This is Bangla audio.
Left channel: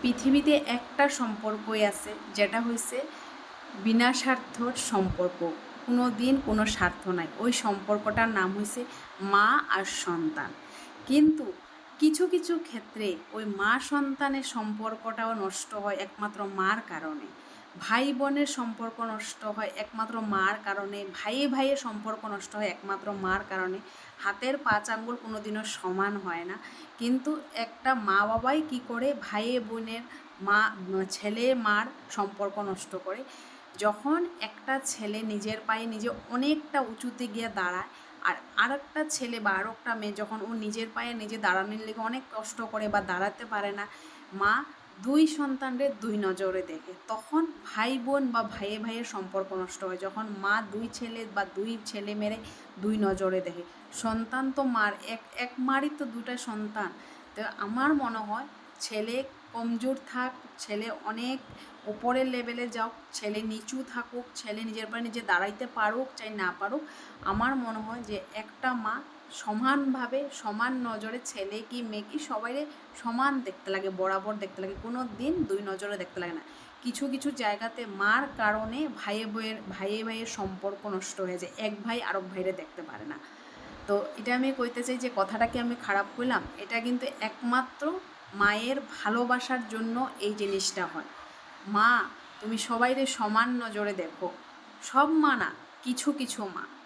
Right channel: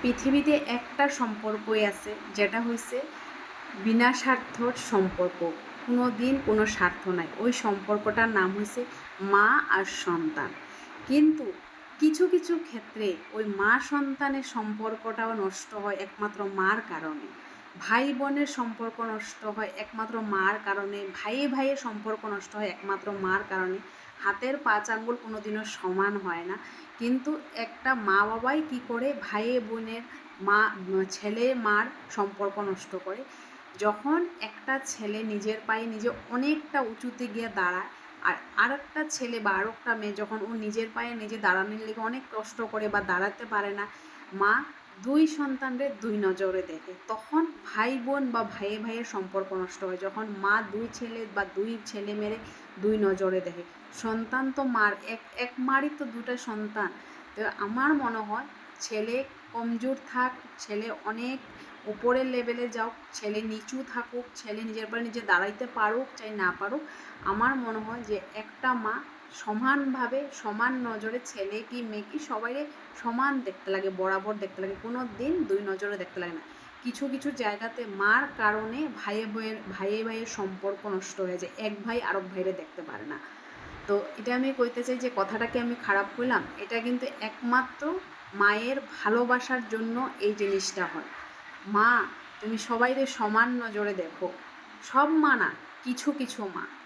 পৃথিবীতে একটা সম্পর্কই আছে, যেটা হয়েছে বিনা স্বার্থর সম্পর্ক। কোনো দিন কোনো স্বার্থ নাই। ওই সম্পর্কটার নাম হয়েছে মা আর সন্তান। কিন্তু কিছু কিছু ক্ষেত্রে ওই মা সন্তানের সম্পর্কটাও নষ্ট হয় একমাত্র মার কারণে। ভাই বোনের সম্পর্ক নষ্ট হয় একমাত্র মার কারণে। ভাইয়ে ভাইয়ের সম্পর্ক নষ্ট হয় একমাত্র মার কারণে। হাতের পাঁচ আঙ্গুল কোনো দিনও সমান হয় না, কিন্তু একটা মা বাবাই কী করে ভাইয়ে বোনের ছেলে মার সম্পর্ক নষ্ট করে। যখন একটা ছেলে নিজের পায়ে নিজে অনেকটা উঁচুতে গিয়ে দাঁড়ায়, আর একটা ছেলে বা আরও একটা মেয়ে যখন ও নিজের পায়ে নিজে দাঁড়ানোর লেগে অনেক কষ্ট করে বা দাঁড়াতে পারে না, মা দুই সন্তানদের দুই নজরে দেখে। তখন ভাই বোন বা ভাইয়ে ভাইয়ের সম্পর্ক নষ্ট হয়, যখন মা দুই ছেলে বা দুই ছেলে মেরে দুই নজরে দেখে। সন্তান তো মার, এক মারই তো দুটা সন্তান। তো আমার মনে হয় ছেলে কমজোর থাক, ছেলে অনেক উপরের লেভেলে যাওক, ছেলে নিচু থাকুক, ছেলে নিজের পায়ে নিজে দাঁড়াইতে পারুক চাই না পারুক, আমার মনে হয় যে একটা মা সমানভাবে সমান নজরে ছেলে কি মেয়ে কি সবাইরে সমান দেখতে লাগে, বরাবর দেখতে লাগে, কোনো দিন দুই নজরে দেখতে লাগে না। কিছু কিছু জায়গাতে মার কারণে ভাইয়ে ভাইয়ের সম্পর্ক নষ্ট হয়ে যায়, এক ভাই আরেক ভাইরে দেখতে পারে না। তো এটা আমি কইতে চাই যে কথাটাকে আমি খারাপ কইলাম, এটা কিন্তু একমাত্র মায়ের ভালোবাসার জন্য এই জিনিসটা হয়। মা তুমি সবাইরে সমান নজরে দেখো, সব মা না, কিছু কিছু মা।